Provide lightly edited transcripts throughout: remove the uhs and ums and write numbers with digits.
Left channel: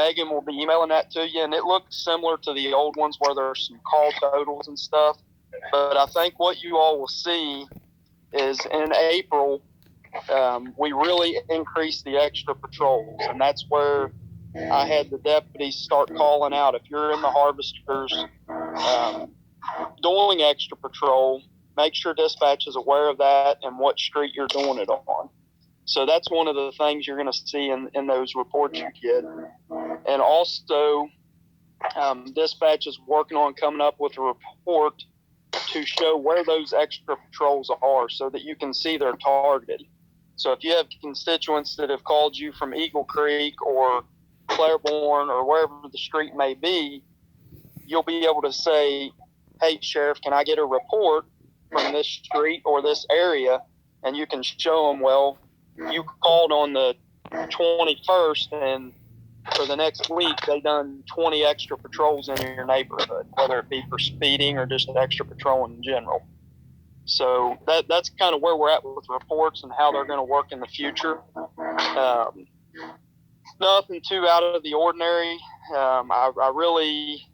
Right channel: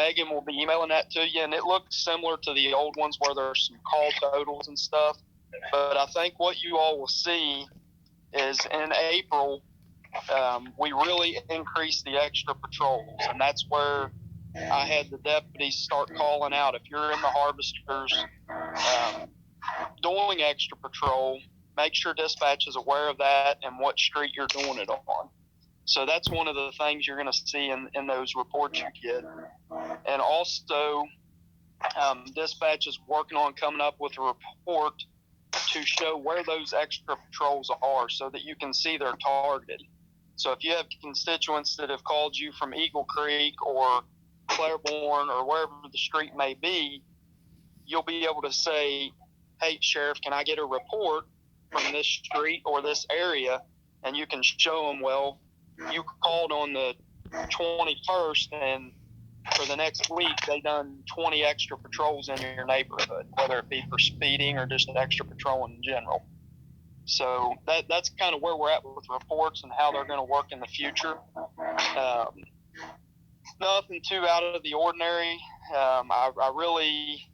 Megan will be emailing that to you, and it looks similar to the old ones where there's some call totals and stuff. But I think what you all will see is in April, we really increased the extra patrols, and that's where I had the deputies start calling out. If you're in the harvesters doing extra patrol, make sure dispatch is aware of that and what street you're doing it on. So that's one of the things you're going to see in those reports you get. And also, dispatch is working on coming up with a report to show where those extra patrols are so that you can see they're targeted. So if you have constituents that have called you from Eagle Creek or Claiborne or wherever the street may be, you'll be able to say, hey, Sheriff, can I get a report from this street or this area? And you can show them, well, you called on the 21st, and for the next week, they done 20 extra patrols in your neighborhood, whether it be for speeding or just extra patrolling in general. So that's kind of where we're at with reports and how they're going to work in the future. Nothing too out of the ordinary. I really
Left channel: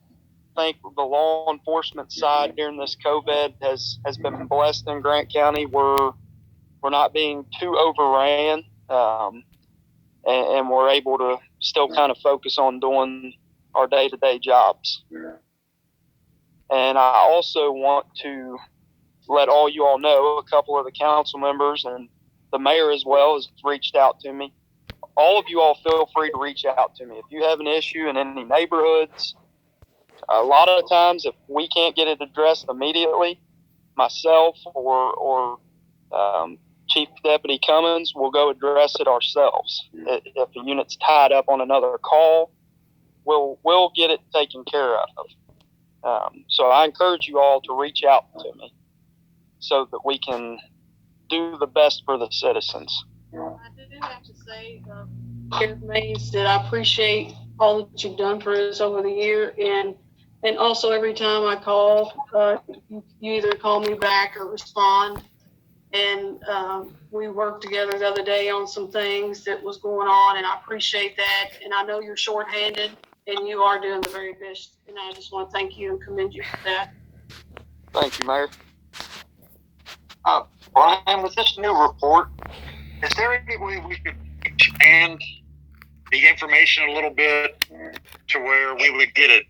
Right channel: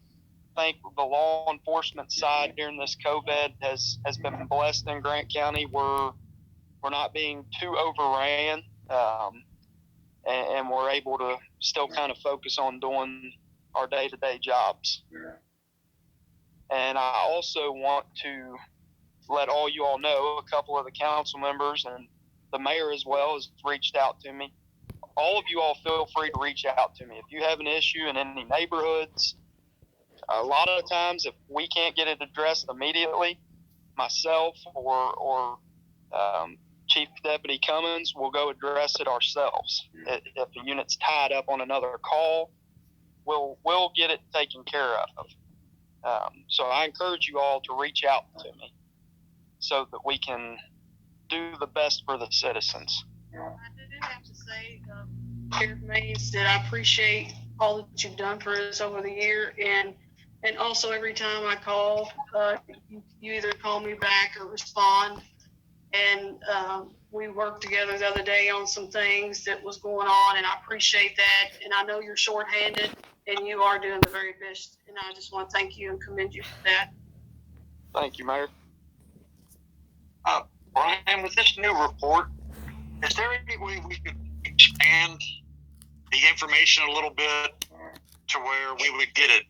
think the law enforcement side during this COVID has been blessed in Grant County. We're not being too overran, and we're able to still kind of focus on doing our day-to-day jobs. And I also want to let all you all know, a couple of the council members and the mayor as well has reached out to me. All of you all feel free to reach out to me. If you have an issue in any neighborhoods, a lot of times if we can't get it addressed immediately, myself or Chief Deputy Cummins will go address it ourselves. If the unit's tied up on another call, we'll get it taken care of. So I encourage you all to reach out to me so that we can do the best for the citizens. I do have to say, Sheriff Mays, that I appreciate all that you've done for us over the year, and also every time I call, you either call me back or respond. And we worked together the other day on some things that was going on, and I appreciate that. And I know you're shorthanded, and you are doing the very best. And I just want to thank you and commend you for that. Thank you, Mayor. Brian, with this new report, is there any way we could expand the information a little bit to where we would get a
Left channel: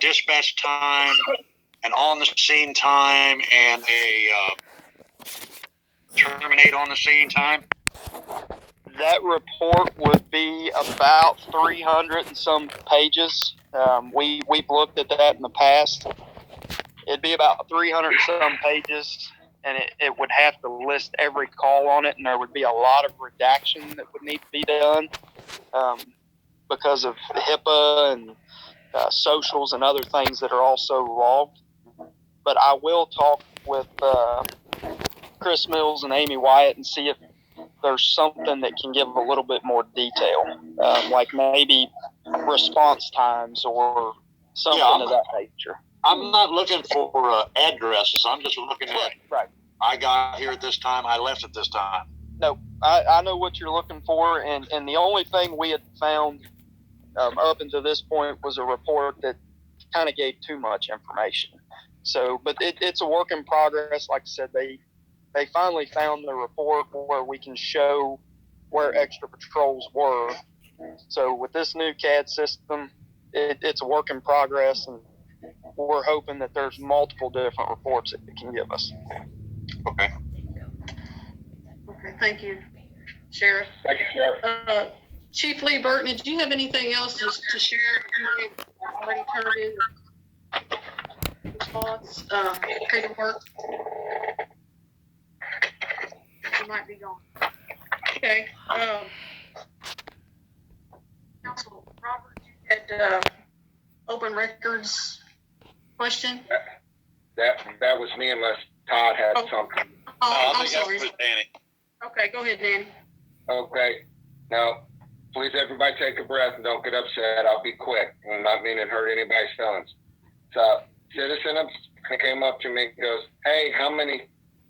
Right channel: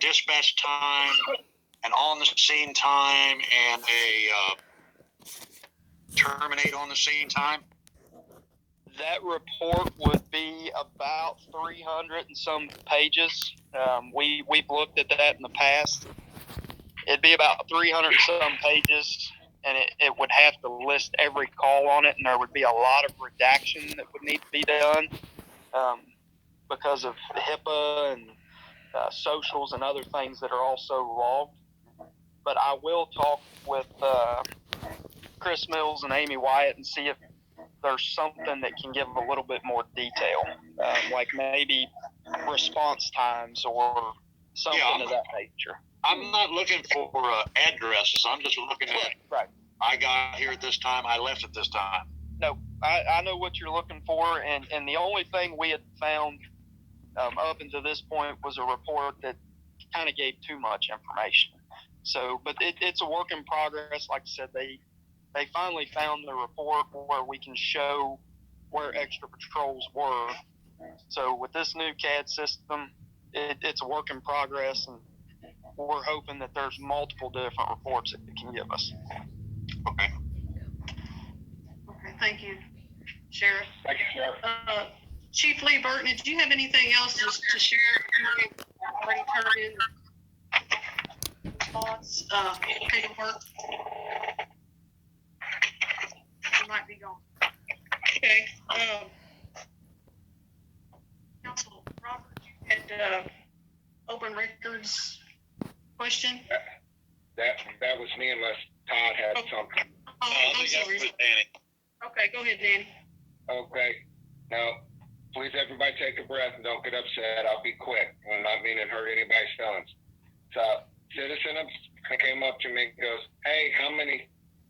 dispatch time, an on-the-scene time, and a terminate on the scene time? That report would be about 300 and some pages. We've looked at that in the past. It'd be about 300 and some pages, and it would have to list every call on it, and there would be a lot of redaction that would need to be done because of HIPAA and socials and other things that are also logged. But I will talk with Chris Mills and Amy Wyatt and see if there's something that can give a little bit more detail, like maybe response times or something of that nature. I'm not looking for addresses. I'm just looking at, right. I got here at this time, I left at this time. No, I know what you're looking for, and the only thing we had found up until this point was a report that kind of gave too much information. So, but it's a work in progress. Like I said, they finally found the report where we can show where extra patrols were. So with this new CAD system, it's a work in progress, and we're hoping that there's multiple different reports that it can give us. Okay. Okay, thank you, Sheriff. Thank you, Sheriff. Chief Lee Burton, did you have anything else to share? You already turned in response, paperwork. You might be gone. Okay. Council Robert, you had open records question? That was me, unless Todd had something. Oh, I'm sorry. Danny. Okay, go ahead, Danny. Okay. Now, please, everybody take a breath and don't get upset. I'll be quick. I'm not meaning to hurt anybody's feelings. So, citizen came up to me and goes, hey,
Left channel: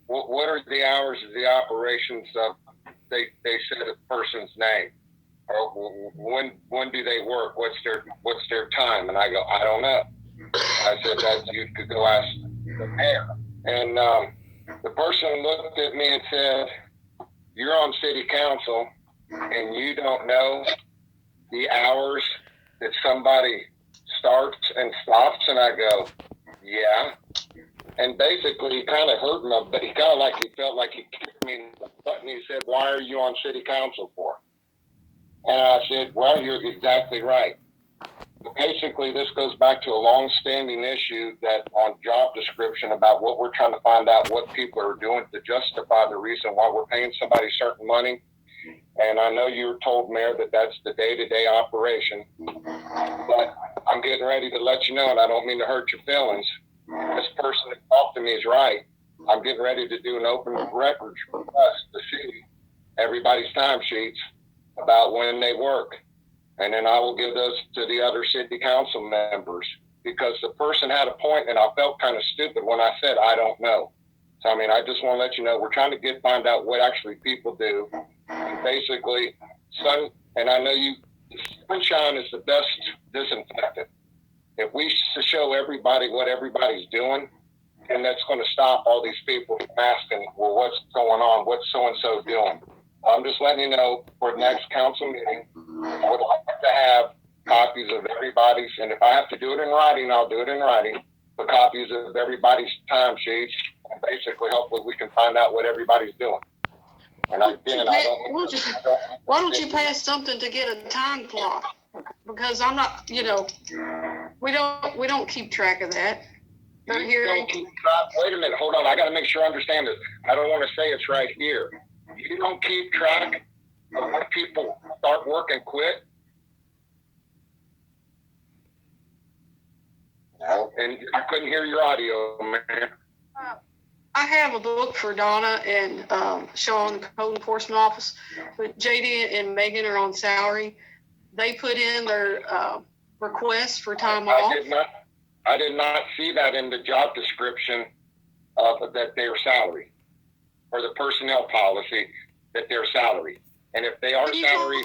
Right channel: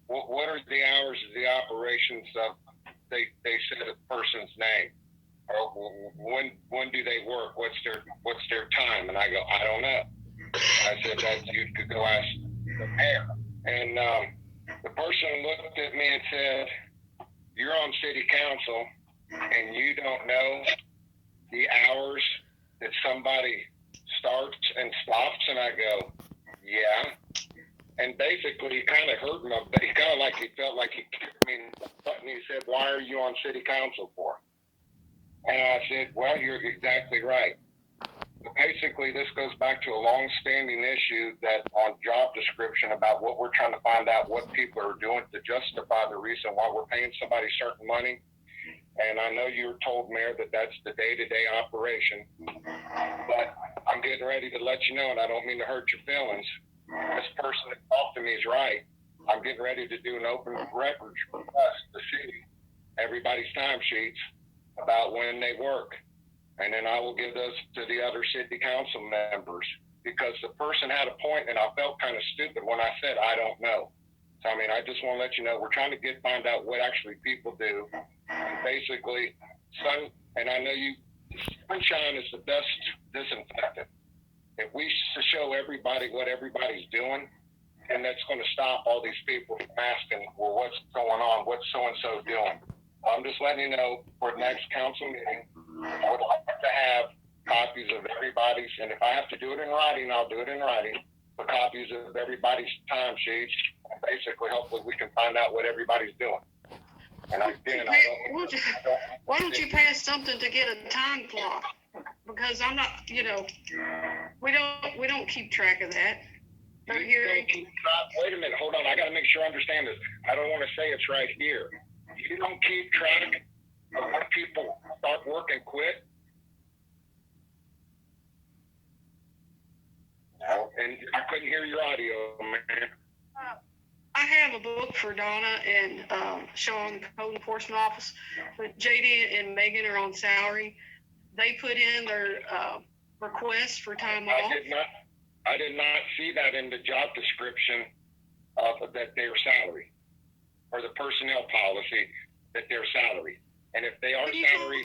what are the hours of the operations of, they said a person's name. or when do they work? What's their time? And I go, I don't know. I said that you could go ask the mayor. And the person looked at me and said, you're on city council and you don't know the hours that somebody starts and stops? And I go, yeah. And basically, he kind of hurt me, but he felt like he kicked me in the butt, and he said, why are you on city council for? And I said, well, you're exactly right. But basically, this goes back to a long-standing issue that on job description about what we're trying to find out what people are doing to justify the reason why we're paying somebody certain money. And I know you were told, Mayor, that that's the day-to-day operation. But I'm getting ready to let you know, and I don't mean to hurt your feelings. This person that talked to me is right. I'm getting ready to do an open records request to see everybody's timesheets about when they work. And then I will give those to the other city council members, because the person had a point, and I felt kind of stupid when I said, I don't know. So, I mean, I just want to let you know, we're trying to find out what actually people do. And basically, and I know sunshine is the best disinfectant. If we show everybody what everybody's doing, and that's going to stop all these people from asking, well, what's going on? What's so-and-so doing? I'm just letting you know, for the next council meeting, I would like to have copies of everybody's, and if I have to do it in writing, I'll do it in writing, the copies of everybody's timesheets, and basically, hopefully, we can find out what everybody's doing. And again, why don't you pass something to get a time clock? Because I'm not, we don't keep track of that. Wait a minute, hold on. I got to make sure I understand this. I don't want to say it's right here. You don't keep track of when people start work and quit? No, and I couldn't hear your audio, man. I have a book for Donna and Sean, the code enforcement office, but JD and Megan are on salary. They put in their request for time off. I did not see that in the job description of that their salary, or the personnel policy that their salary. And if they are salary,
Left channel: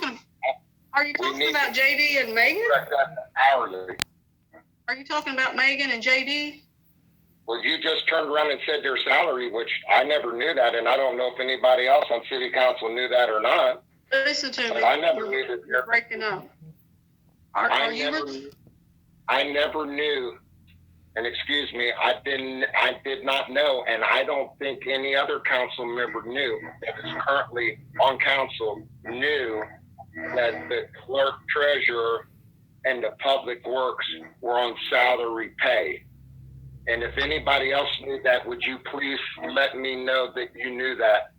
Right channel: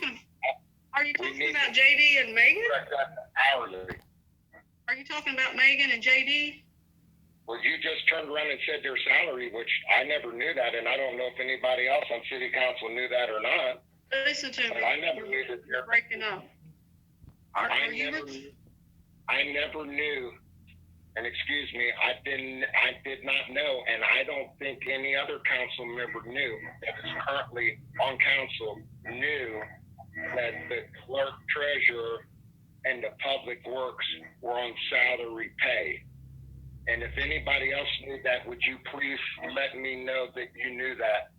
are you talking about JD and Megan? Hourly. Are you talking about Megan and JD? Well, you just turned around and said their salary, which I never knew that, and I don't know if anybody else on city council knew that or not. Listen to me. I never knew that. You're breaking up. I never knew, and excuse me, I did not know, and I don't think any other council member knew that is currently on council knew that the clerk, treasurer, and the public works were on salary pay. And if anybody else knew that, would you please let me know that you knew that,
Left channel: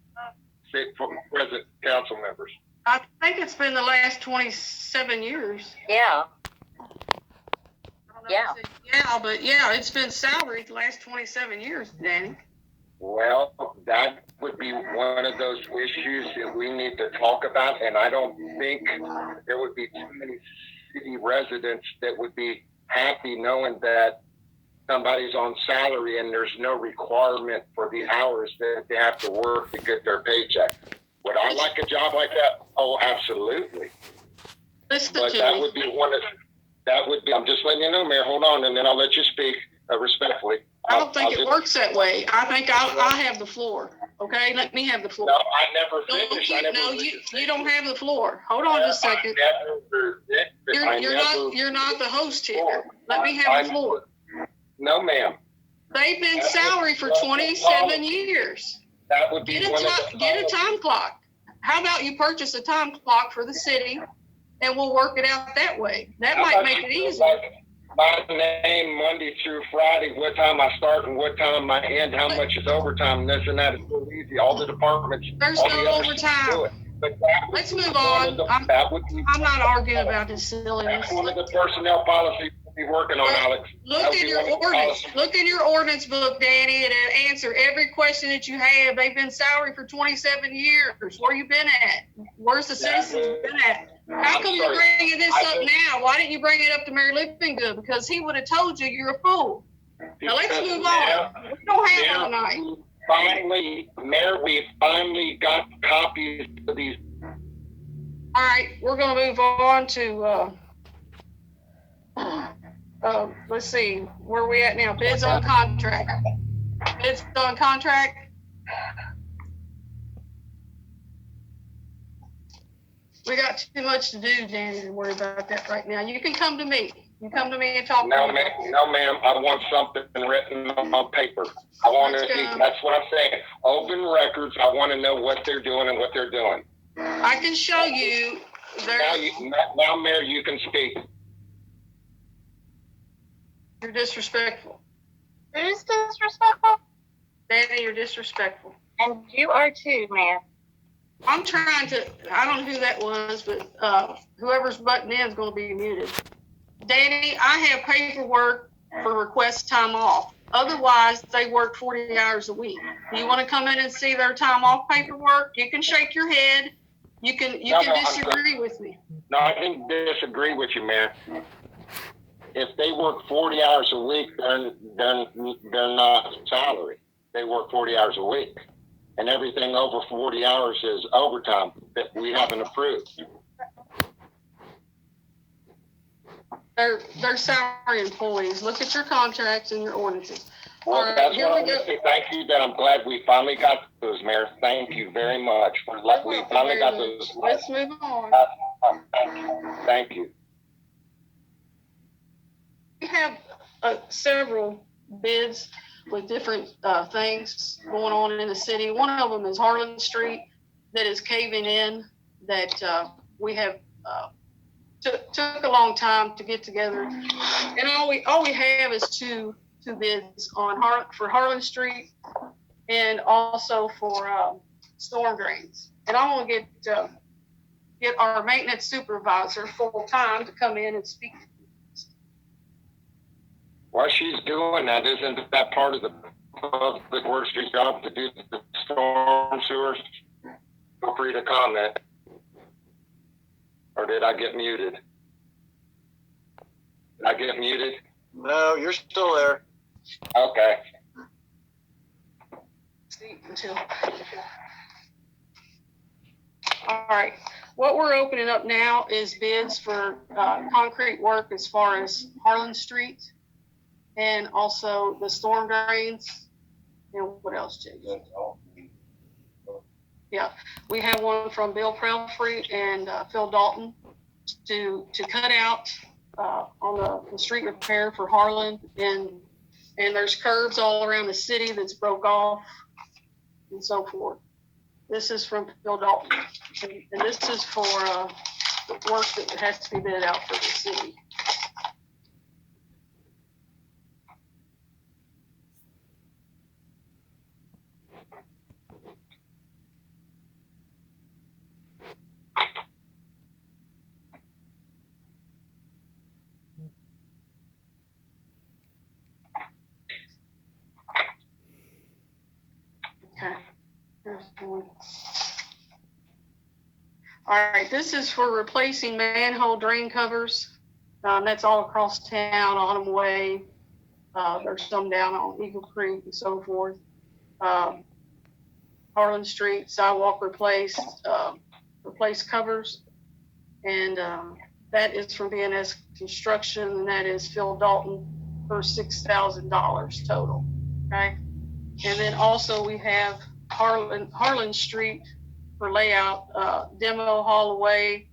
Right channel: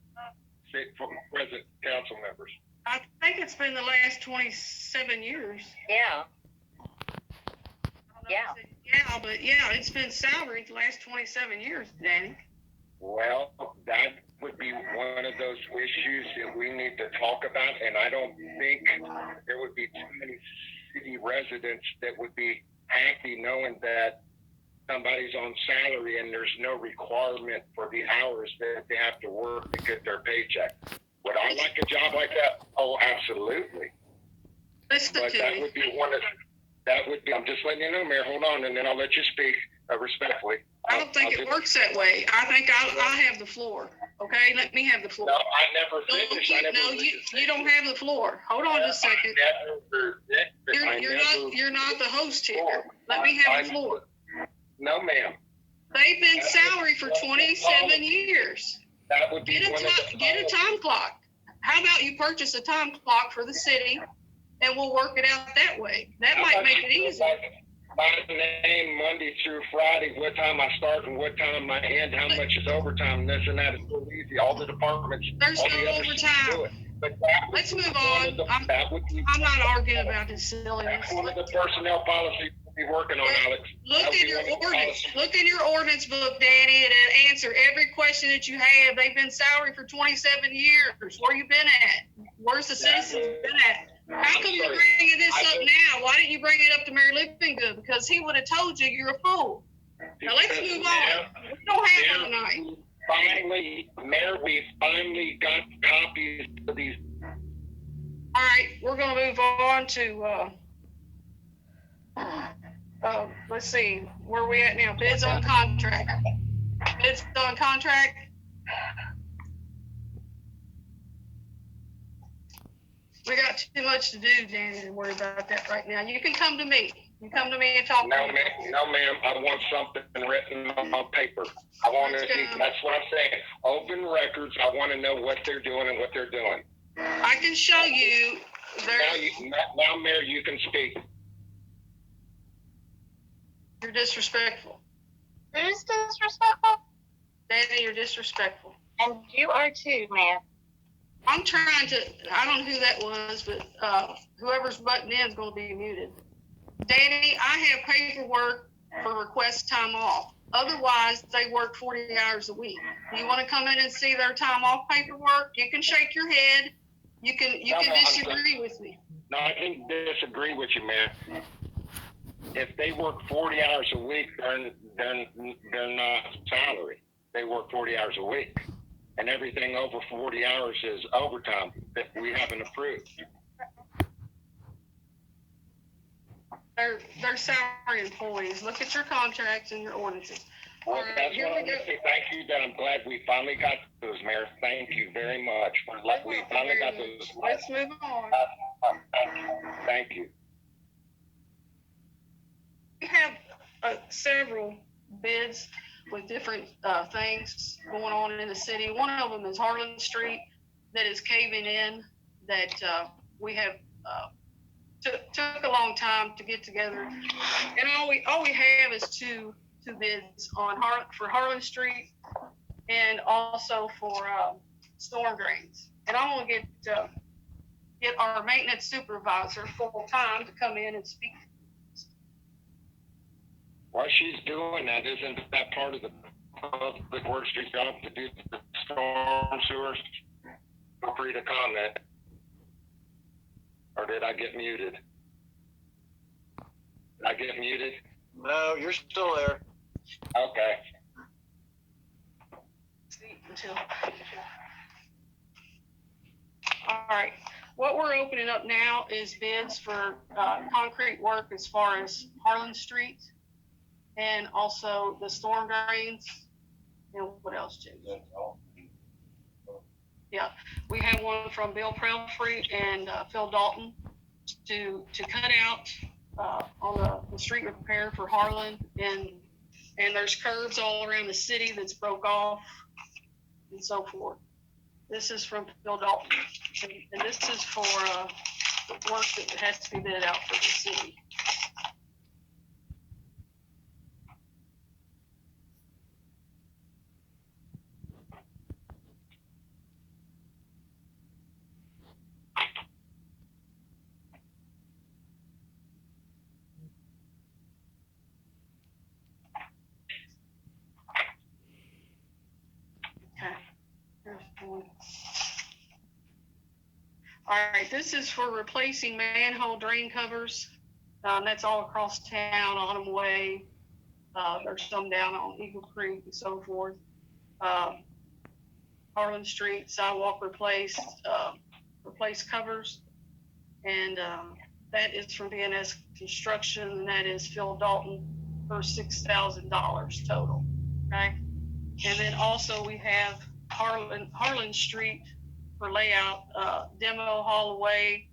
present council members? I think it's been the last 27 years. Yeah. But it's been salaried the last 27 years, Danny. Well, that would be one of those issues that we need to talk about, and I don't think there would be too many city residents that would be happy knowing that somebody's on salary and there's no requirement for the hours that they have to work to get their paycheck. Would I like a job like that? Oh, absolutely. But that would be I'm just letting you know, Mayor, hold on, and then I'll let you speak respectfully. I don't think it works that way. I think I'll have the floor. Okay, let me have the floor. No, I never finished. You don't have the floor. Hold on just a second. You're not the host here. Let me have the floor. No, ma'am. They've been salary for 27 years. That would be get a time clock. How about you purchase a time clock for the city, and we'll work it out that way. That might make it easier. My name Monday through Friday, what time I start and what time I end, how much is overtime, and this and that is so easy. All the departments. There's no overtime. Let's move on. I'm not arguing about this silliness. That's one of the personnel policies we'll be working on, Alex. Look in your ordinance. Look in your ordinance book, Danny, and answer every question that you have. They've been salary for 27 years. Where you been at? Where's the citizens been at? How come you're bringing this up now? Why didn't you bring it up to Mayor Livingood? Because he would have told you you're a fool. Now let's move on. We don't have all night. Mayor, we finally got copies of these All right, we're gonna move on to, let's see, where are we at now? Bids on contract. Bids on contract. We got too much to do, Danny, to worry about that right now. You can come to me. You come to me and talk. No, ma'am. No, ma'am. I want something written on paper. I want to. That's what I'm saying. Open records. I want to know what they're doing and what they're doing. I can show you. Now, Mayor, you can speak. You're disrespectful. Who's disrespectful? Danny, you're disrespectful. And you are too, Mayor. I'm trying to, I don't know who that was, but whoever's butting in is going to be muted. Danny, I have paperwork for request time off. Otherwise, they work 40 hours a week. Do you want to come in and see their time off paperwork? You can shake your head. You can disagree with me. No, I didn't disagree with you, Mayor. If they work 40 hours a week, they're not salary. They work 40 hours a week. And everything over 40 hours is overtime that we haven't approved. They're salary employees. Look at your contracts and your ordinances. Well, All right, that's here what we I'm go. going to say. Thank you. That I'm glad we finally got those, Mayor. Thank you very much for we finally got those. Let's move on. Thank you. We have several bids with different things going on in the city. One of them is Harlan Street that is caving in, that we have took a long time to get together. And all we have is two bids on for Harlan Street and also for storm drains. And I want to get our maintenance supervisor full time to come in and speak. While she's doing that, isn't that part of the public works job to do the storm sewers? Feel free to comment. Or did I get muted? Did I get muted? No, you're still there. Okay. All right. What we're opening up now is bids for concrete work as far as Harlan Street and also the storm drains. And what else, Jay? Yeah, we have one from Bill Prelfrey and Phil Dalton to cut out on the street repair for Harlan, and there's curbs all around the city that's broke off and so forth. This is from Phil Dalton, and this is for the work that has to be bid out for the city. Okay. Here's one. All right, this is for replacing manhole drain covers. That's all across town, Autumn Way. There's some down on Eagle Creek and so forth. Harlan Street, sidewalk replaced covers. And that is from BNS Construction, and that is Phil Dalton for $6,000 total, okay? And then also we have Harlan Street for layout, demo, haul away,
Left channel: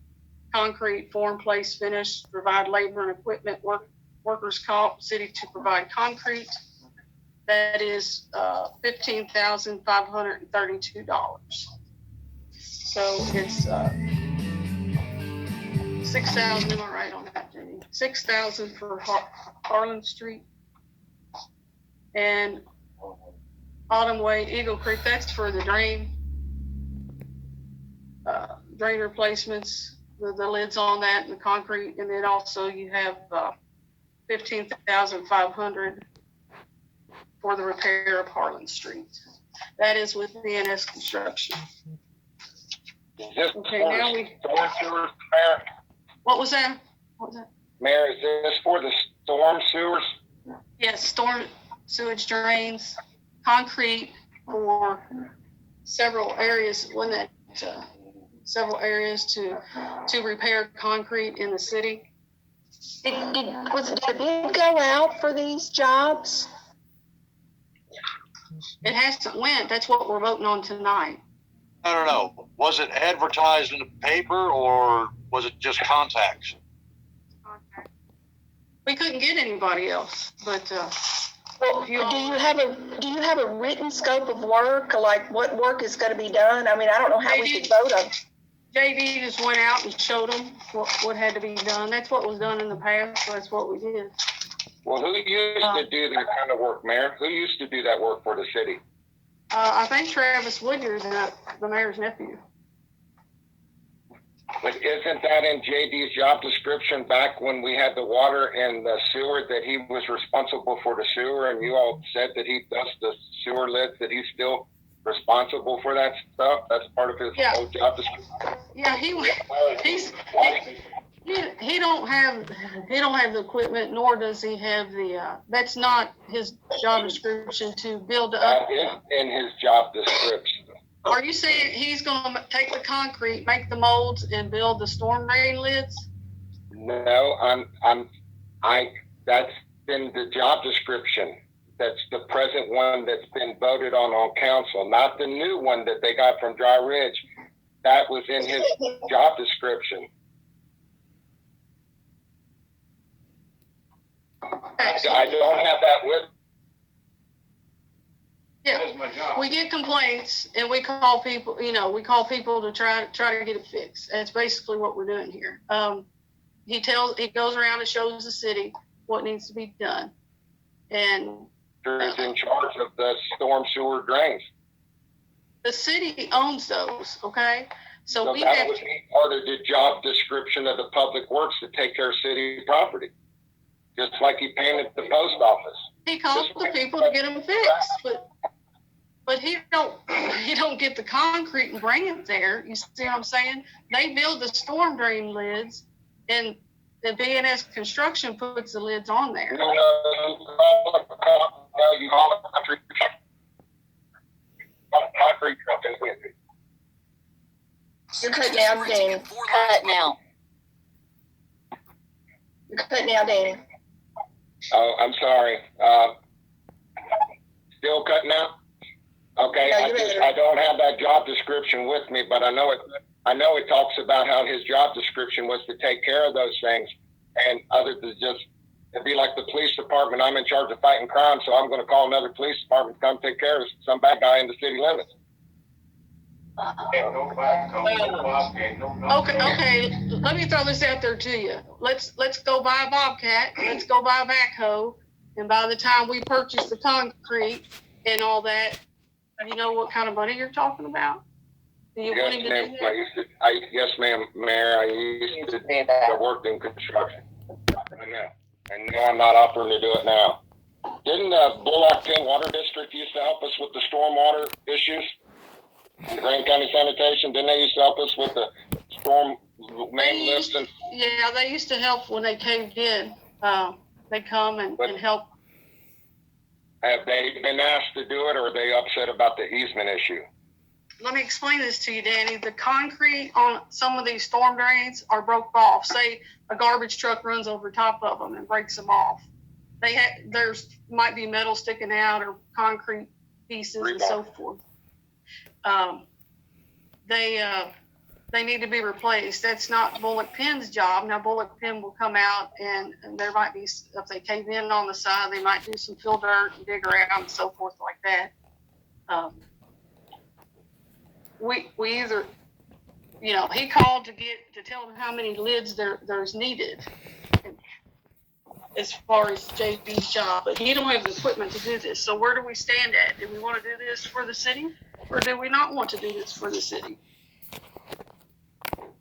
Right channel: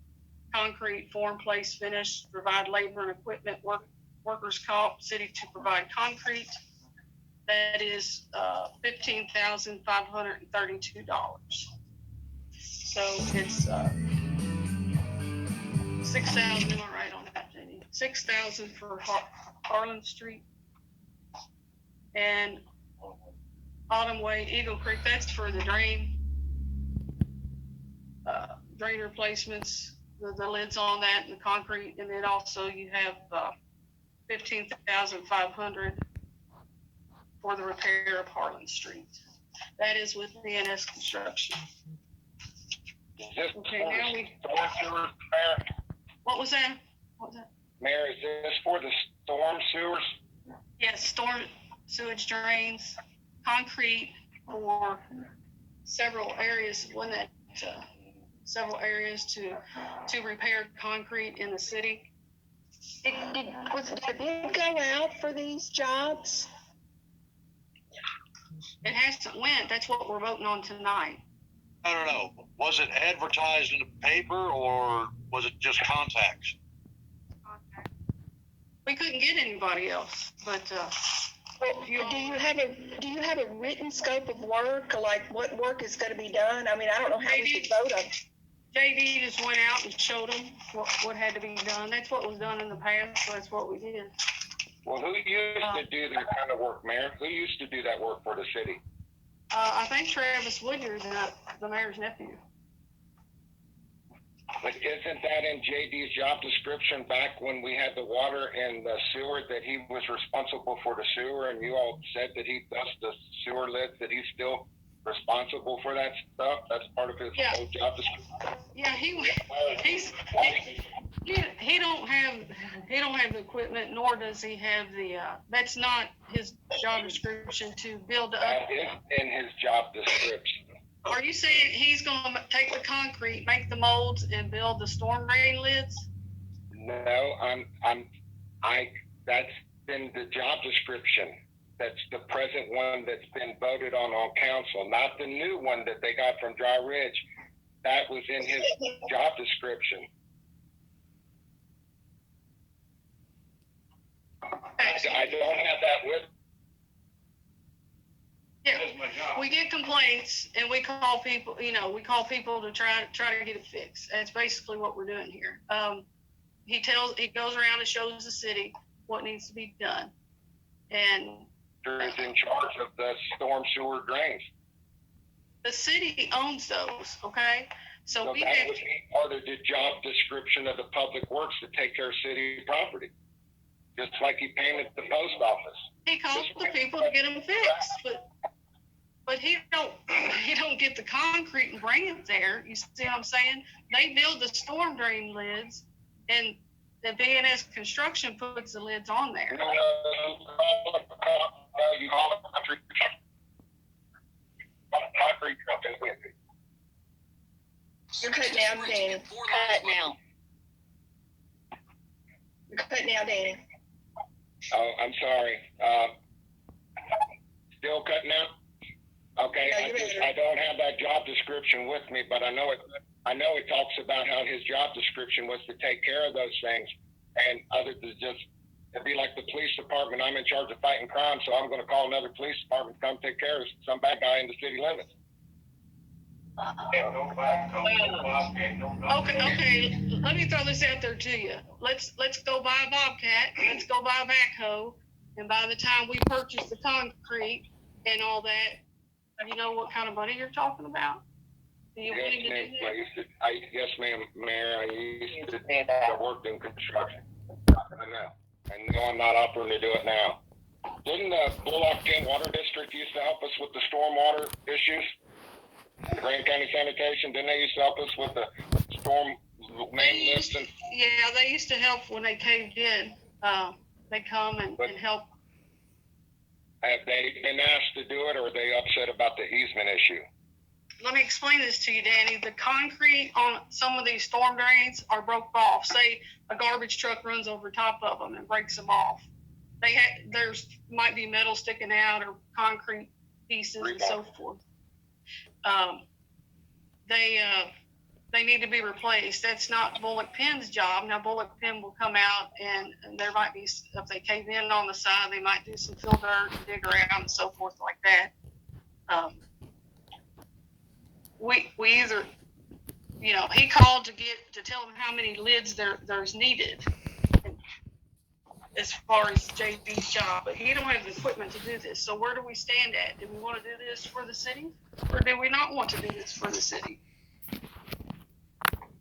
concrete, form, place, finish, provide labor and equipment, workers' comp, city to provide concrete. That is $15,532. So it's 6,000. Am I right on that, Jenny? 6,000 for Harlan Street and Autumn Way, Eagle Creek. That's for the drain replacements, the lids on that and the concrete. And then also you have 15,500 for the repair of Harlan Street. That is with BNS Construction. Okay, now we. Storm sewers, Mayor? What was that? Mayor, is this for the storm sewers? Yes, storm sewage drains, concrete for several areas. When that several areas to repair concrete in the city. Did a bid go out for these jobs? It hasn't went. That's what we're voting on tonight. I don't know. Was it advertised in the paper or was it just contacts? We couldn't get anybody else, but Well, do you have a written scope of work, like what work is going to be done? I mean, I don't know how we could vote on. JD just went out and showed them what had to be done. That's what was done in the past, so that's what we did. Well, who used to do that kind of work, Mayor? Who used to do that work for the city? I think Travis Woodyard, the mayor's nephew. But isn't that in JD's job description back when we had the water and the sewer, that he was responsible for the sewer, and you all said that he does the sewer lids, that he's still responsible for that stuff? That's part of his whole job description. Yeah, he don't have the equipment, nor does he have the. That's not his job description to build up. That is in his job description. Are you saying he's going to take the concrete, make the molds, and build the storm drain lids? No, that's in the job description. That's the present one that's been voted on council, not the new one that they got from Dry Ridge. That was in his job description. I don't have that with. Yeah, we get complaints and we call people. We call people to try to get it fixed. That's basically what we're doing here. He goes around and shows the city what needs to be done, and is in charge of the storm sewer drains. the city owns those. Okay, so we that have. would be part of the job description of the public works to take care of city property, just like he painted the post office. He calls the people to get them fixed, but he don't get the concrete and bring it there. You see what I'm saying? They build the storm drain lids, and the B&S Construction puts the lids on there. No, you call it concrete company with it. You're cutting out, Danny. Cut now. You're cutting out, Danny. Oh, I'm sorry. Still cutting out? Okay, No, I don't have that job description with me, but I know it talks about how his job description was to take care of those things, and other than just, it'd be like the police department. I'm in charge of fighting crime, so I'm going to call another police department to come take care of some bad guy in the city limits. Okay. Let me throw this out there to you. Let's go buy a Bobcat. Let's go buy a backhoe, and by the time we purchase the concrete and all that, you know what kind of money you're talking about? Do you want him to do that? Yes, ma'am, Mayor. I used to work in construction. I know. And no, I'm not offering to do it now. Didn't Bullock King Water District used to help us with the stormwater issues? Grand County Sanitation, didn't they used to help us with the storm main lifts? Yeah, they used to help when they caved in. They come and help. Have they been asked to do it, or are they upset about the easement issue? Let me explain this to you, Danny. The concrete on some of these storm drains are broke off. Say a garbage truck runs over top of them and breaks them off. There's might be metal sticking out or concrete pieces and so forth. They need to be replaced. That's not Bullock Penn's job. Now Bullock Penn will come out and there might be, if they cave in on the side, they might do some fill dirt and dig around and so forth like that. We either, he called to tell them how many lids there's needed as far as JB's job, but he don't have the equipment to do this. So where do we stand at? Do we want to do this for the city, or do we not want to do this for the city?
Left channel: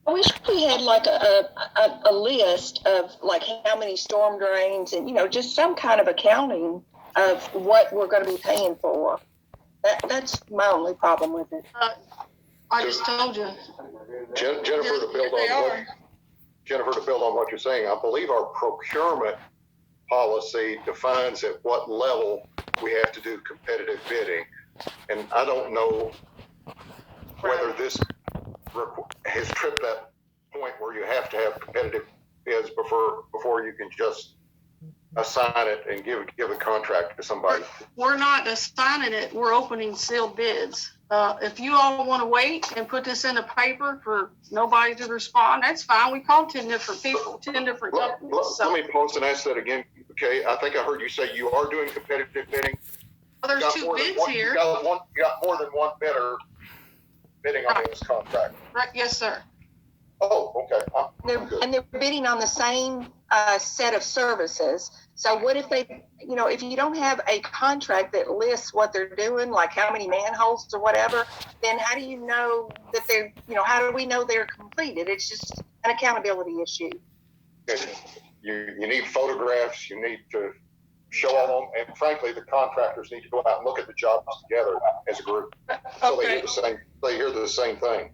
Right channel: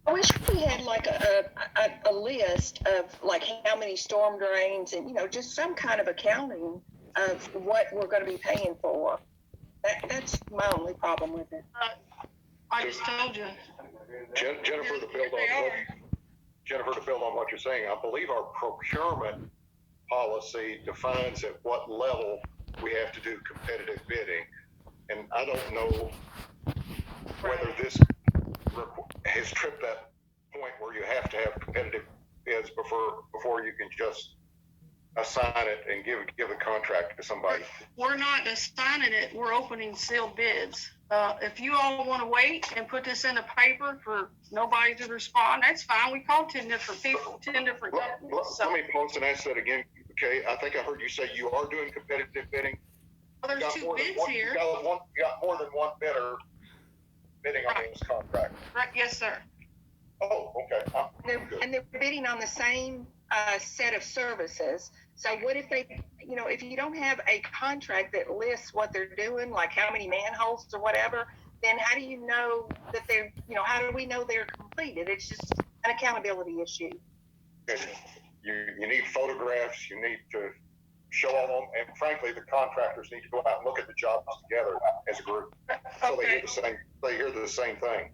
I wish we had like a list of like how many storm drains and, just some kind of accounting of what we're going to be paying for. That's my only problem with it. I just told you. Jennifer, to build on what you're saying, I believe our procurement policy defines at what level we have to do competitive bidding. And I don't know whether this has tripped that point where you have to have competitive bids before you can just assign it and give a contract to somebody. We're not assigning it. We're opening sealed bids. If you all want to wait and put this in the paper for nobody to respond, that's fine. We called 10 different people, 10 different companies. Let me pause and ask that again. Okay, I think I heard you say you are doing competitive bidding. Well, there's 2 bids here. You got more than one bidder bidding on this contract. Right? Yes, sir. Oh, okay. And they're bidding on the same set of services. So what if they, if you don't have a contract that lists what they're doing, like how many manholes or whatever, then how do you know that they're, how do we know they're completed? It's just an accountability issue. You need photographs, you need to show them, and frankly, the contractors need to go out and look at the jobs together as a group. So Okay. they hear the same thing.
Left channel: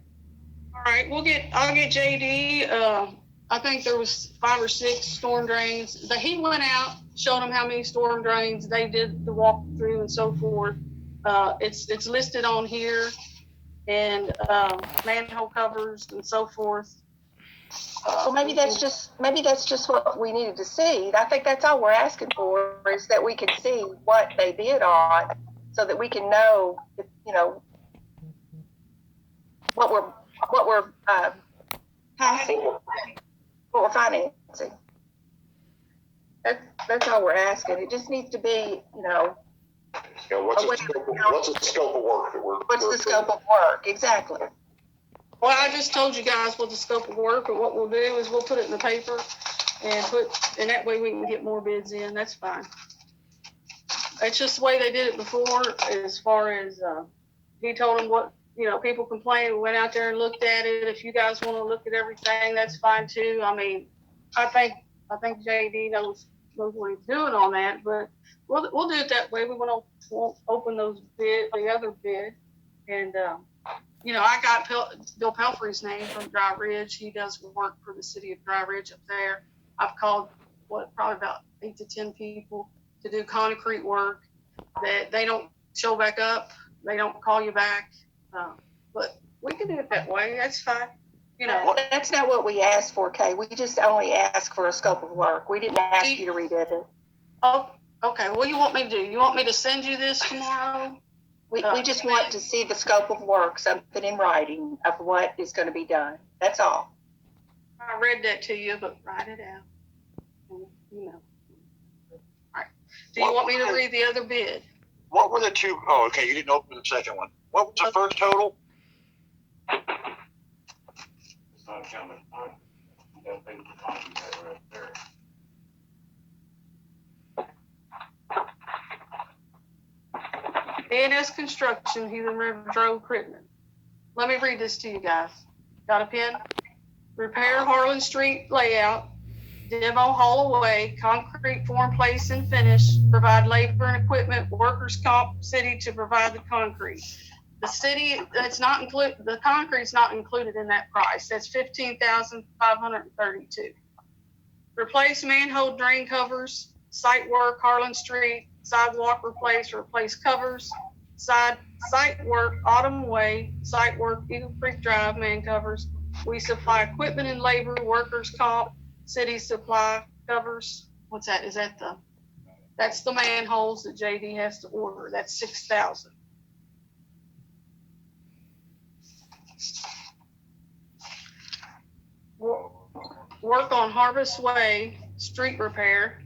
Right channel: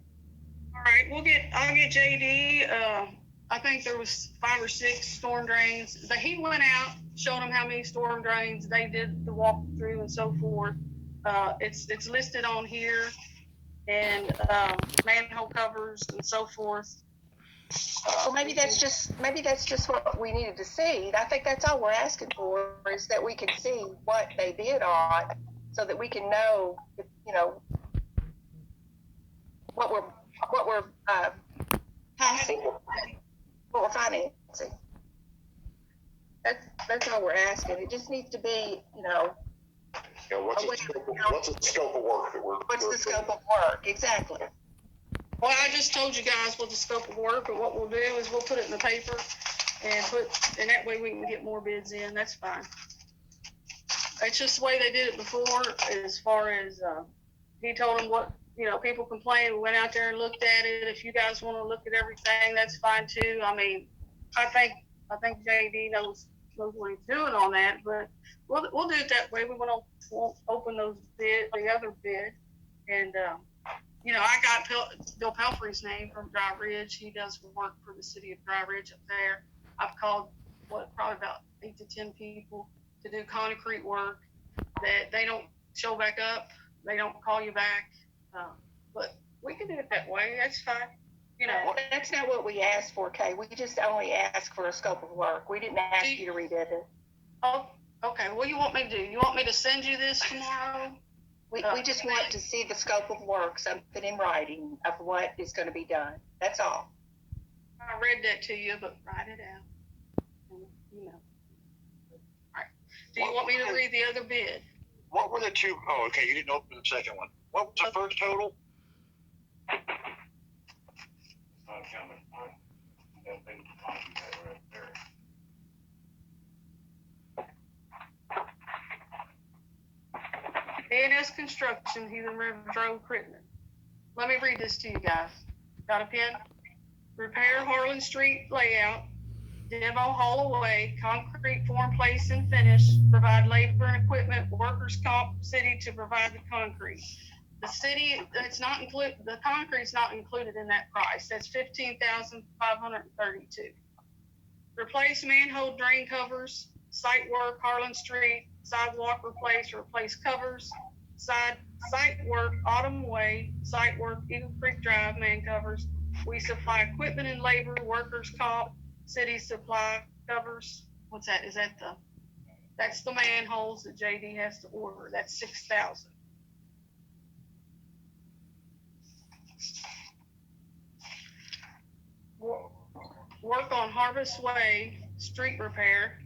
All right, I'll get JD. I think there was 5 or 6 storm drains. He went out, showed them how many storm drains. They did the walkthrough and so forth. It's listed on here, and manhole covers and so forth. Well, maybe that's just what we needed to see. I think that's all we're asking for, is that we can see what they bid on, so that we can know, what we're passing, what we're financing. That's all we're asking. It just needs to be, What's the scope of work that what's the scope of work? Exactly. Well, I just told you guys what the scope of work, but what we'll do is we'll put it in the paper and that way we can get more bids in. That's fine. It's just the way they did it before, as far as, he told them what, people complained. We went out there and looked at it. If you guys want to look at everything, that's fine too. I mean, I think JD knows what he's doing on that, but we'll do it that way. We won't open the other bid, and I got Bill Pelfrey's name from Dry Ridge. He does work for the city of Dry Ridge up there. I've called probably about 8 to 10 people to do concrete work that they don't show back up. They don't call you back. But we can do it that way. That's fine. That's not what we asked for, Kay. We just only asked for a scope of work. We didn't ask you to rebid it. Oh, okay. What do you want me to do? You want me to send you this tomorrow? We just want to see the scope of work, something in writing of what is going to be done. That's all. I read that to you, but write it out. All right. Do you want me to read the other bid? What were the 2? Oh, okay. You didn't open the second one. What was the first total? A&S Construction, Heathen River Road, Crittenden. Let me read this to you guys. Got a pen? Repair Harlan Street layout, demo haul away, concrete form, place, and finish, provide labor and equipment, workers' comp, city to provide the concrete. The city, the concrete's not included in that price. That's $15,532. Replace manhole drain covers, site work, Harlan Street, sidewalk replace covers, site work, Autumn Way, site work, Eagle Creek Drive, man covers. We supply equipment and labor, workers' comp, city supply covers. What's that? That's the manholes that JD has to order. That's $6,000. Work on Harvest Way, street repair.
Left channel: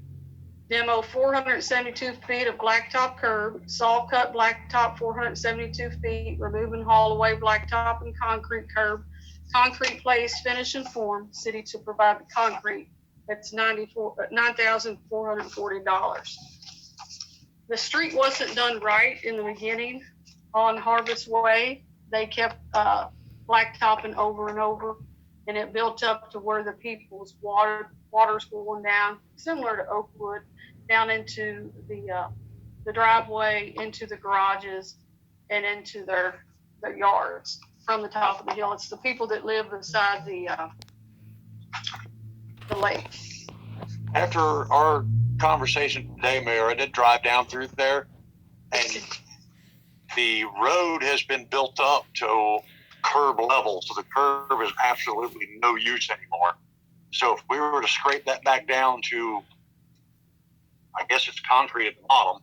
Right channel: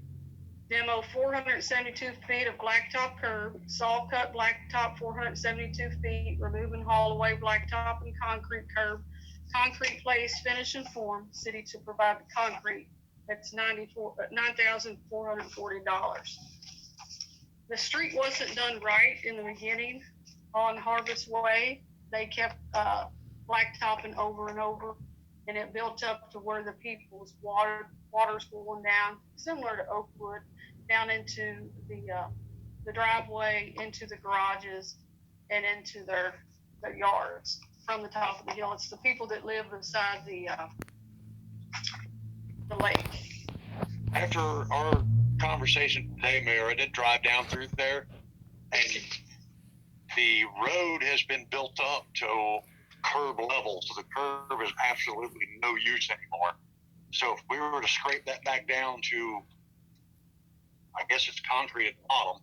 Demo 472 feet of blacktop curb, saw cut blacktop 472 feet, remove and haul away blacktop and concrete curb, concrete place, finish and form, city to provide the concrete. That's $9,440. The street wasn't done right in the beginning on Harvest Way. They kept blacktopping over and over, and it built up to where the people's water's going down, similar to Oakwood, down into the driveway, into the garages, and into their yards from the top of the hill. It's the people that live beside the lake. After our conversation today, Mayor, I did drive down through there, and the road has been built up to curb level, so the curb is absolutely no use anymore. So if we were to scrape that back down to, I guess it's concrete at the bottom,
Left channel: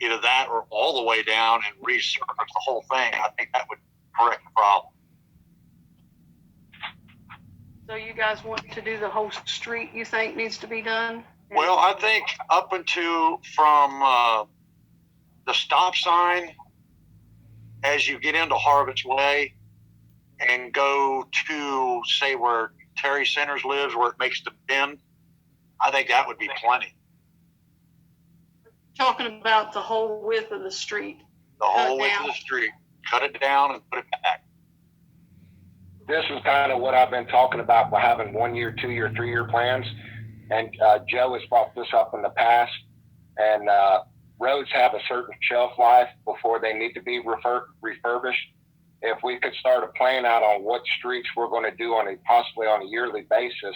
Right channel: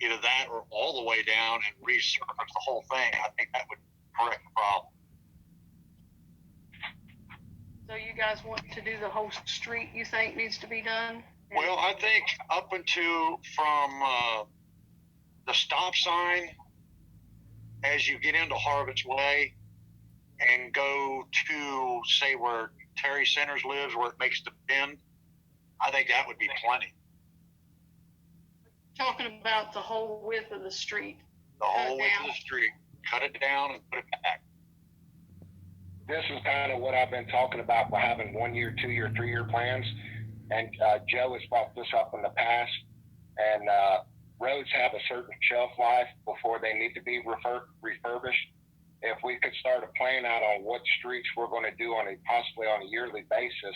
either that or all the way down and resurface the whole thing, I think that would correct the problem. So you guys want to do the whole street, you think needs to be done? Well, I think up into from the stop sign as you get into Harvest Way and go to, say, where Terry Centers lives, where it makes the bend, I think that would be plenty. Talking about the whole width of the street. The whole width of the street. Cut it down and put it back. This is kind of what I've been talking about by having 1 year, 2 year, 3 year plans. And Joe has brought this up in the past. And roads have a certain shelf life before they need to be refurbished. If we could start a plan out on what streets we're going to do possibly on a yearly basis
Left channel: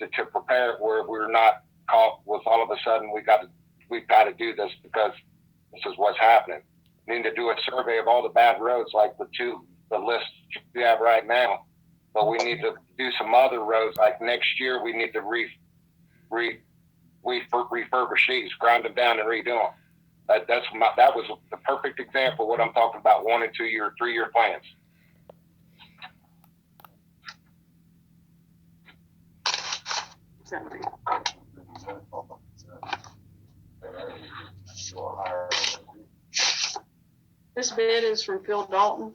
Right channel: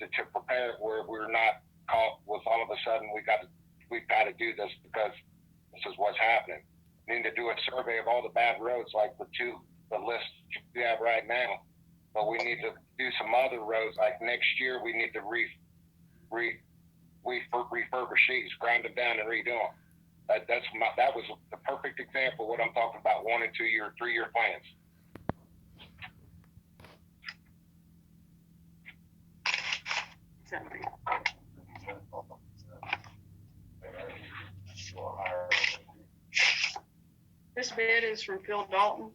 to prepare it where we're not caught with all of a sudden we've got to do this because this is what's happening. We need to do a survey of all the bad roads like the list we have right now, but we need to do some other roads. Like next year, we need to refurbish these, grind them down, and redo them. That was the perfect example of what I'm talking about: 1 and 2 year, 3 year plans. This bid is from Phil Dalton.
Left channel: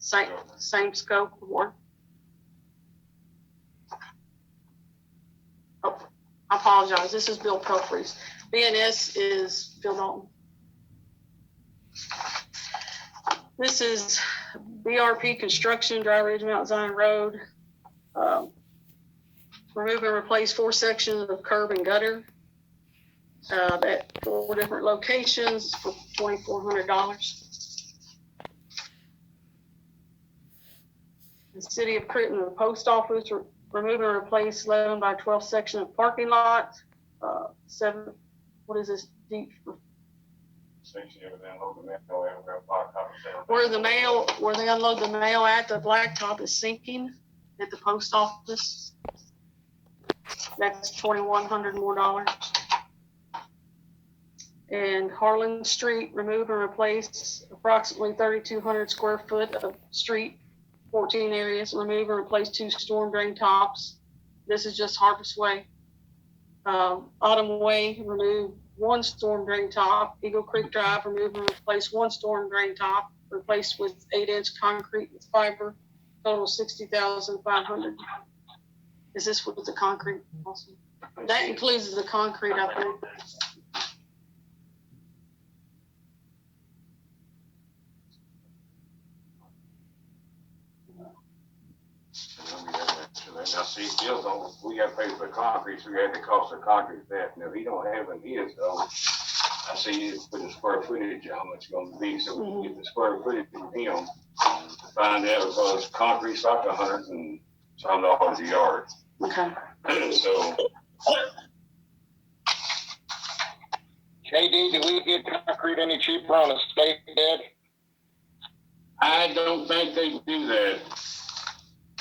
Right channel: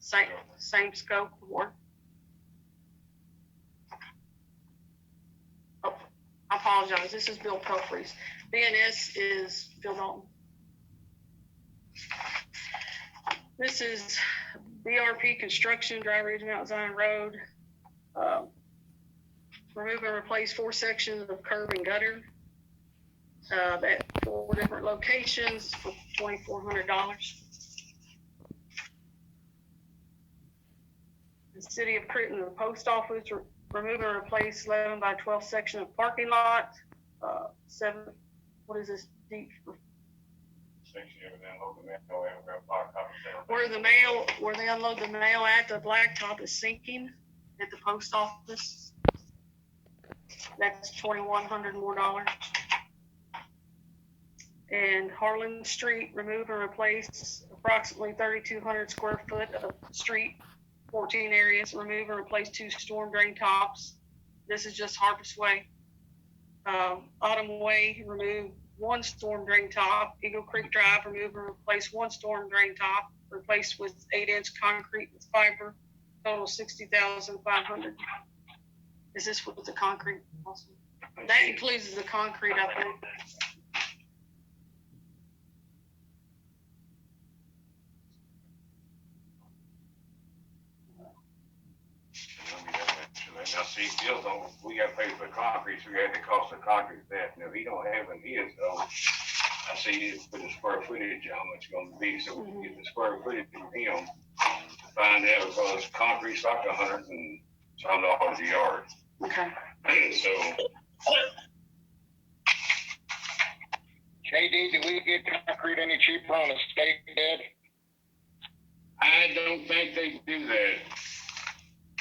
Same scope of work. Oh, I apologize. This is Bill Puffrey's. BNS is Phil Dalton. This is BRP Construction, Dry Ridge Mount Zion Road. Remove and replace 4 sections of curb and gutter at 4 different locations for $2,400. The City of Crittenden, the post office, remove and replace 11 by 12 section of parking lot. 7, what is this? Deep. Where they unload the mail at, the blacktop is sinking at the post office. That's $2,100 more. And Harlan Street, remove and replace approximately 3,200 square foot of street. 14 areas, remove and replace 2 storm drain tops. This is just Harvest Way. Autumn Way, remove 1 storm drain top. Eagle Creek Drive, remove and replace 1 storm drain top, replaced with 8-inch concrete with fiber, total $60,500. Is this with the concrete also? That includes the concrete, I think. Now, see, Bill don't, we got to pay for the concrete, so we got the cost of concrete that. Now, if he don't have it his, though, I see it for the square footage, how much it's going to be. So we can get the square footage from him to find out because concrete's like $100 and some dollars a yard. Okay. So. KD, do we get concrete any cheaper on a state bid? I don't think they do that.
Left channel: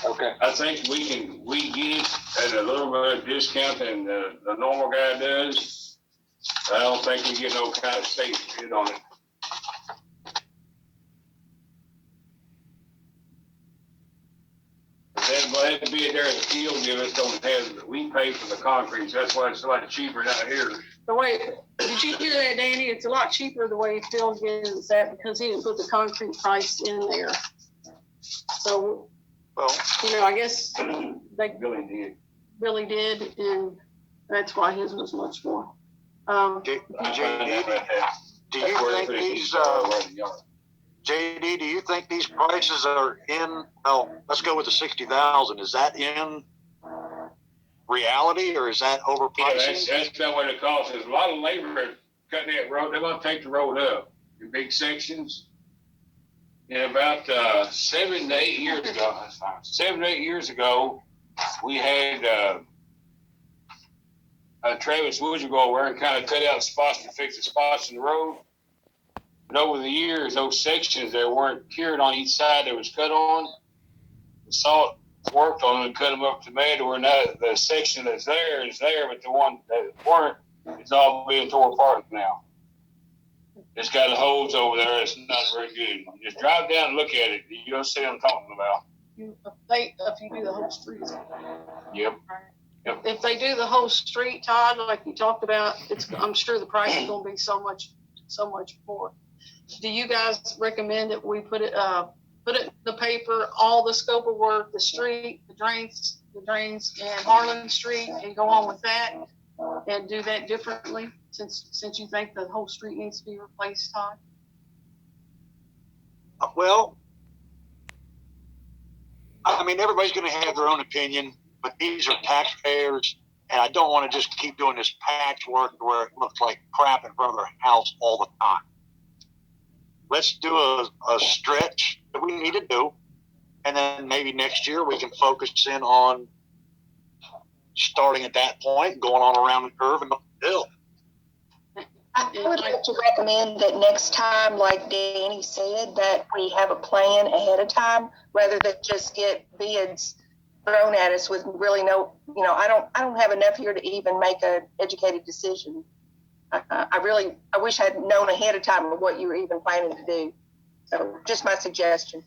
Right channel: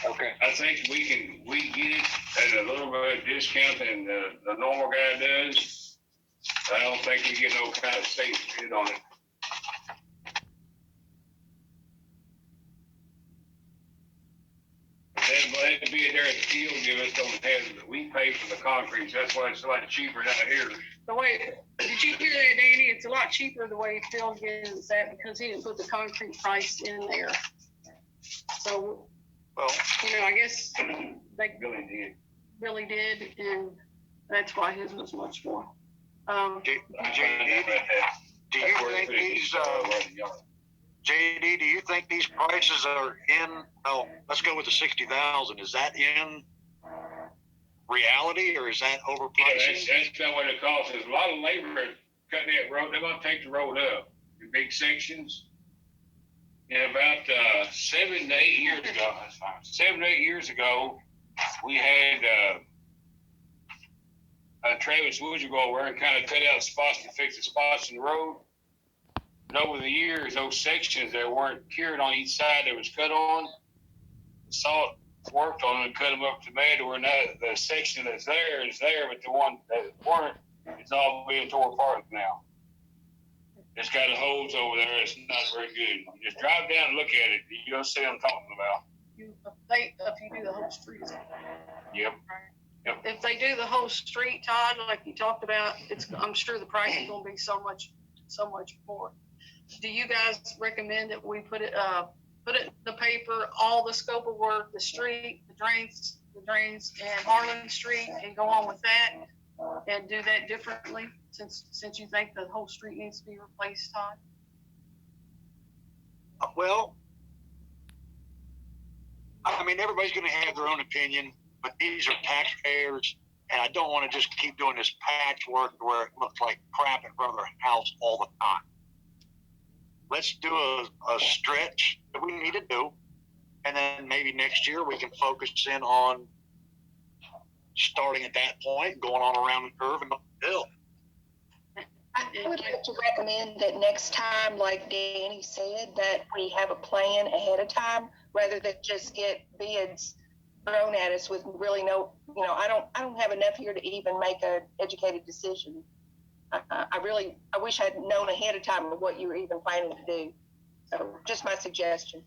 Okay. I think we get it at a little bit of discount than the normal guy does. I don't think we get no kind of state bid on it. That bid there at the field give us don't have, we pay for the concrete, so that's why it's a lot cheaper down here. The way, did you hear that, Danny? It's a lot cheaper the way Phil gives that because he didn't put the concrete price in there. So, Well, I guess they Billy did. and that's why his was much more. JD, do you think these prices are in? Oh, let's go with the 60,000. Is that in reality, or is that overpricing? Yeah, that's about what it costs. There's a lot of labor cutting that road. They're going to take the road up in big sections. And about 7 to 8 years ago, 7 to 8 years ago, we had Travis Woods would go over and kind of cut out spots to fix the spots in the road. But over the years, those sections that weren't cured on each side that was cut on, the salt worked on them and cut them up to mud where now the section that's there is there, but the one that weren't, it's all being torn apart now. It's got holes over there. It's not very good. You just drive down and look at it. You'll see what I'm talking about. If you do the whole street. Yep. Yep. If they do the whole street, Todd, like you talked about, I'm sure the price is going to be so much more. Do you guys recommend that we put it in the paper, all the scope of work, the street, the drains, and Harlan Street, and go on with that, and do that differently, since you think the whole street needs to be replaced, Todd? Well, I mean, everybody's going to have their own opinion, but these are taxpayers, and I don't want to just keep doing this patchwork where it looks like crap in front of their house all the time. Let's do a stretch that we need to do, and then maybe next year we can focus in on starting at that point, going on around the curve and up the hill. I would like to recommend that next time, like Danny said, that we have a plan ahead of time rather than just get bids thrown at us with really no, I don't have enough here to even make an educated decision. I wish I'd known ahead of time of what you were even planning to do. So just my suggestion.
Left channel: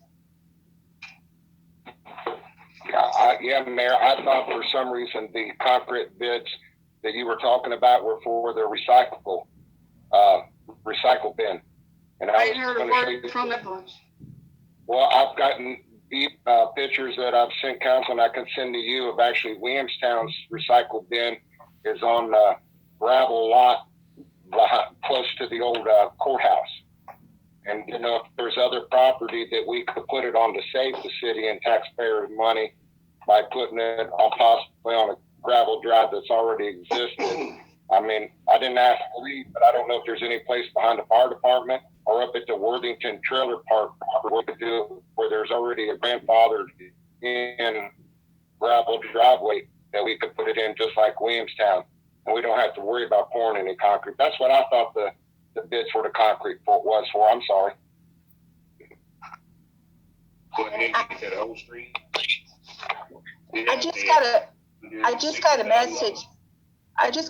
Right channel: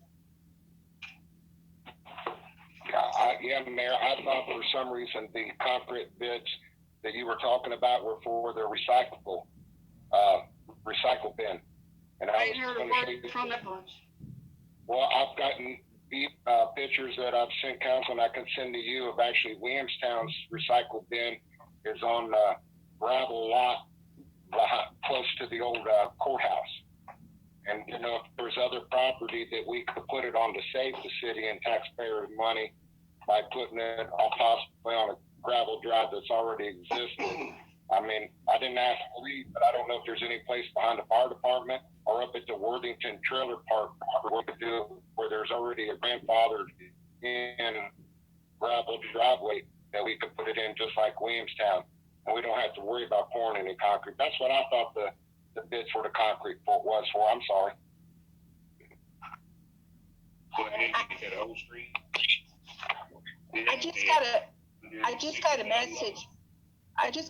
Yeah, Mayor, I thought for some reason the concrete bids that you were talking about were for the recycle bin. And I ain't heard a word from that bunch. Well, I've gotten pictures that I've sent council and I can send to you of actually Williamstown's recycle bin is on a gravel lot close to the old courthouse. And, if there's other property that we could put it on to save the city and taxpayers money by putting it on possibly on a gravel drive that's already existed. I mean, I didn't ask for leave, but I don't know if there's any place behind the fire department or up at the Worthington Trailer Park where we could do where there's already a grandfathered in gravel driveway that we could put it in just like Williamstown, and we don't have to worry about pouring any concrete. That's what I thought the bids for the concrete was for. I'm sorry. Go ahead and get that whole street. I just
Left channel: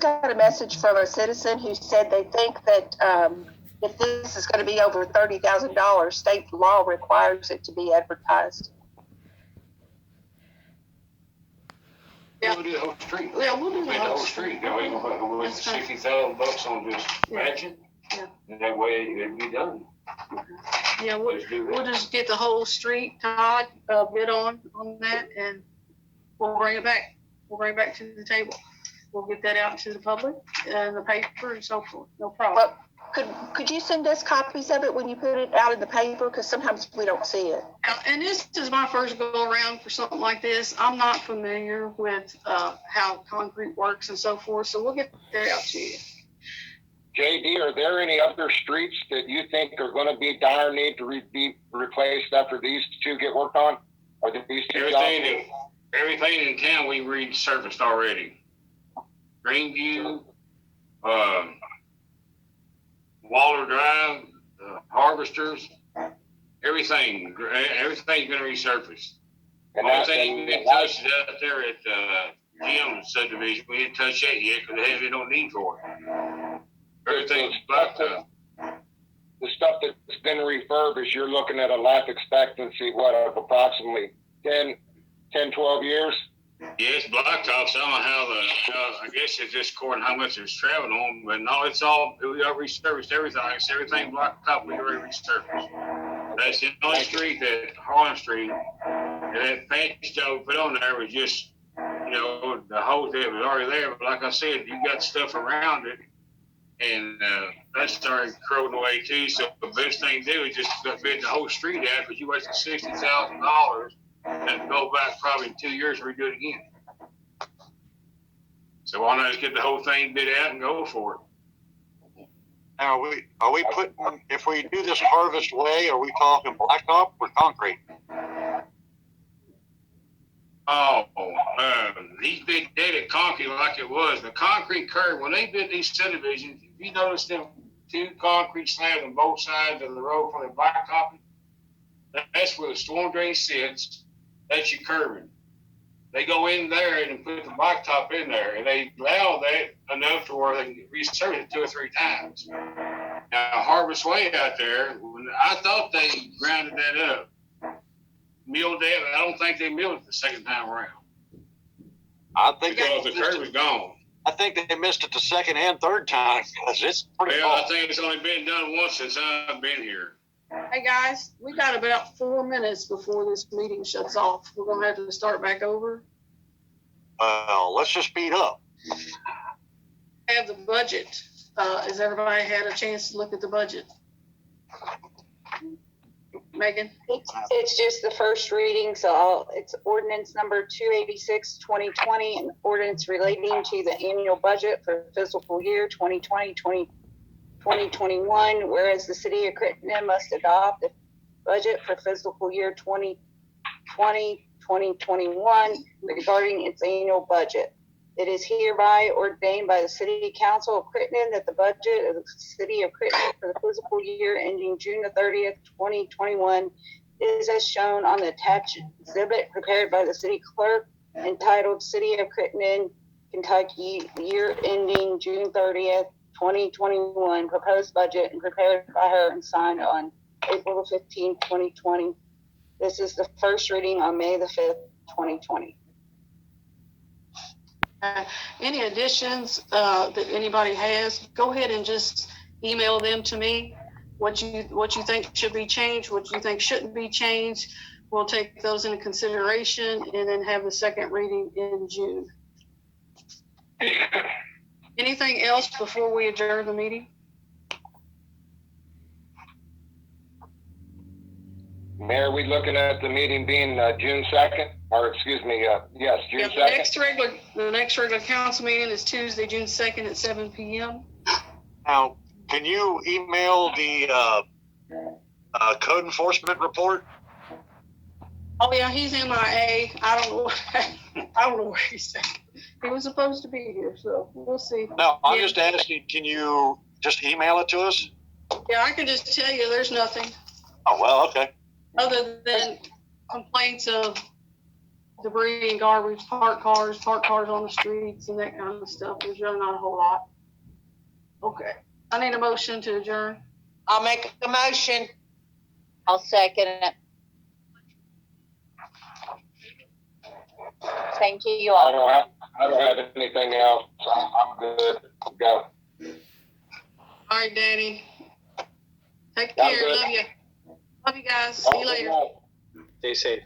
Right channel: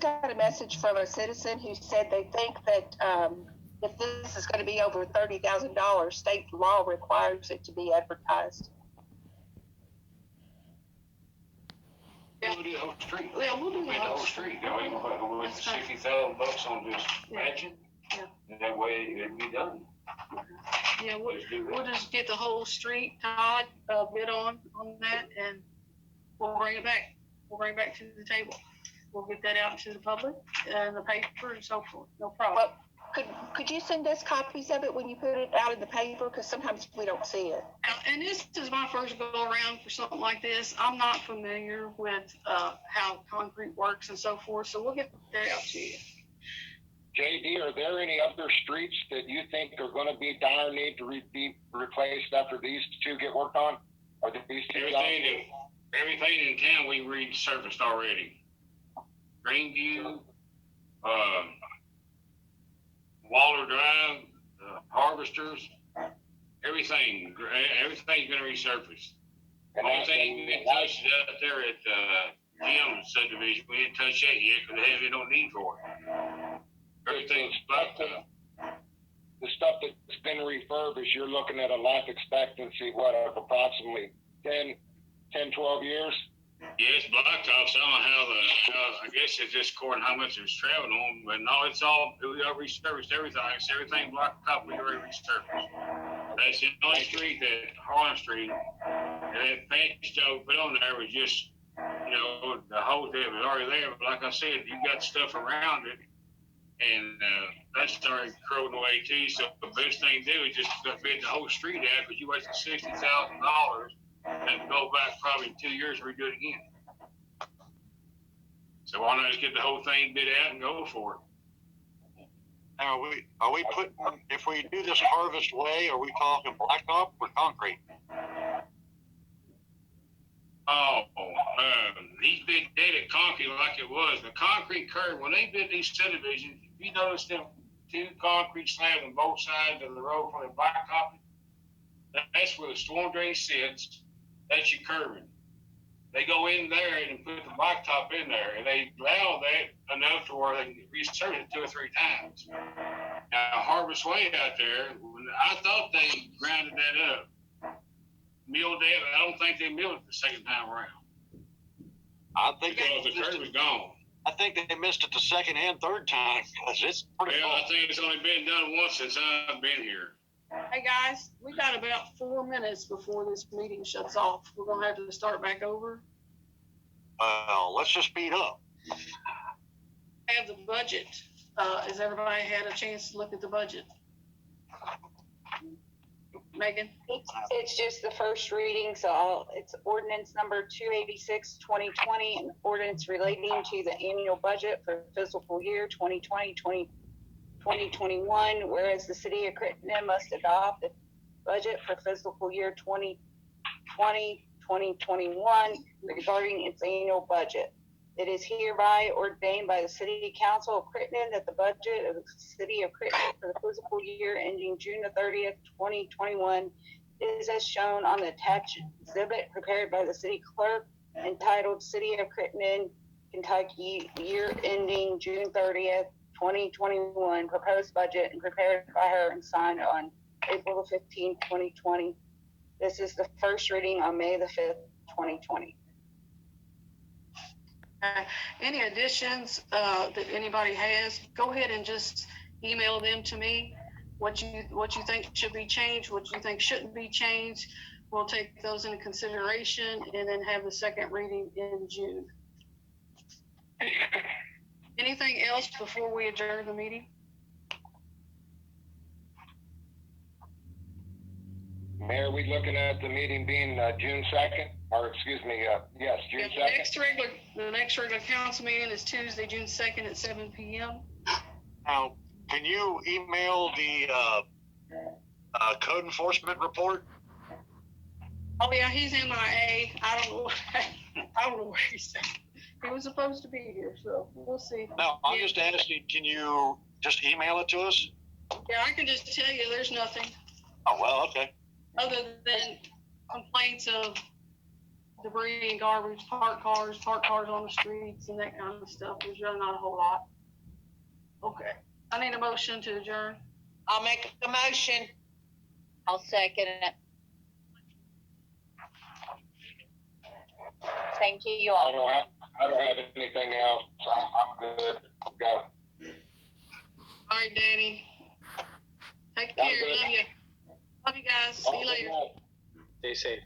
got a message from a citizen who said they think that if this is going to be over $30,000, state law requires it to be advertised. Yeah, we'll do the whole street. Yeah, we'll do the whole street. We're going to $60,000 on just patching. Yeah. And that way it'll be done. Yeah, we'll just get the whole street, Todd, bid on that, and we'll bring it back. We'll bring it back to the table. We'll get that out to the public and the paper and so forth. No problem. Could you send us copies of it when you put it out in the paper? Because sometimes we don't see it. And this is my first go around for something like this. I'm not familiar with how concrete works and so forth, so we'll get that out to you. JD, are there any other streets that you think are going to be dire need to be replaced after these two get worked on? Or these two everything in town we resurfaced already. Greenview, Waller Drive, Harvesters, everything's going to resurface. And the only thing we touched is out there at Jim subdivision. We didn't touch that yet because they don't need for it. Everything's blacked up. The stuff that's been refurbished, you're looking at a life expectancy, of approximately 10, 12 years? Yes, blacktops. I don't know how I guess it's just according to how much it's traveling on, but no, we already resurfaced everything. It's everything blacktop we already resurfaced. That's the only street that Harlan Street, and that patch job we put on there was just, the hose that was already there. But like I said, you got stuff around it, and that started corroding away too. So the best thing to do is just bid the whole street out because you wasted $60,000. And go back probably 2 years and redo it again. So why not just get the whole thing bid out and go for it? Now, are we putting, if we do this harvest way, are we talking blacktop or concrete? These bid did it concrete like it was. The concrete curb, when they bid these subdivisions, if you notice them two concrete slabs on both sides of the road for the blacktopping. That's where the storm drain sits. That's your curbing. They go in there and put the blacktop in there, and they allow that enough to where they can resurface it 2 or 3 times. Now, Harvest Way out there, when I thought they grounded that up, milled that. I don't think they milled it the second time around I think because the curb is gone. I think they missed it the second and third time because it's pretty Well, I long. think it's only been done once since I've been here. Hey, guys, we got about 4 minutes before this meeting shuts off. We're gonna have to start back over. Well, let's just speed up. Have the budget. Has everybody had a chance to look at the budget? Megan? It's just the first reading, so it's ordinance number 286, 2020, an ordinance relating to the annual budget for fiscal year 2020, 2021, whereas the city of Crittenden must adopt the budget for fiscal year 2020, 2021 regarding its annual budget. It is hereby ordained by the City Council of Crittenden that the budget of the City of Crittenden for the fiscal year ending June the 30th, 2021 is as shown on the attached exhibit prepared by the city clerk entitled City of Crittenden, Kentucky, year ending June 30th, 2021, proposed budget, and prepared by her and signed on April the 15th, 2020. This is the first reading on May the 5th, 2020. Any additions that anybody has, go ahead and just email them to me. What you think should be changed, what you think shouldn't be changed. We'll take those into consideration and then have the second reading in June. Anything else before we adjourn the meeting? Mayor, are we looking at the meeting being June 2nd? Or excuse me, yes, June 2nd? The next regular council meeting is Tuesday, June 2nd at 7 p.m. Now, can you email the code enforcement report? Oh yeah, he's MIA. I don't know where he's at. He was supposed to be here, so we'll see. No, I'm Yeah. just asking, can you just email it to us? Yeah, I can just tell you there's nothing Oh, well, okay. other than complaints of debris and garbage, parked cars on the streets and that kind of stuff. There's really not a whole lot. Okay, I need a motion to adjourn. I'll make a motion. I'll second it. Thank you I all. don't have anything else. I'm good. Go. All right, Danny. Take I'm care. good. Love you. Love you guys. See you later. Stay safe.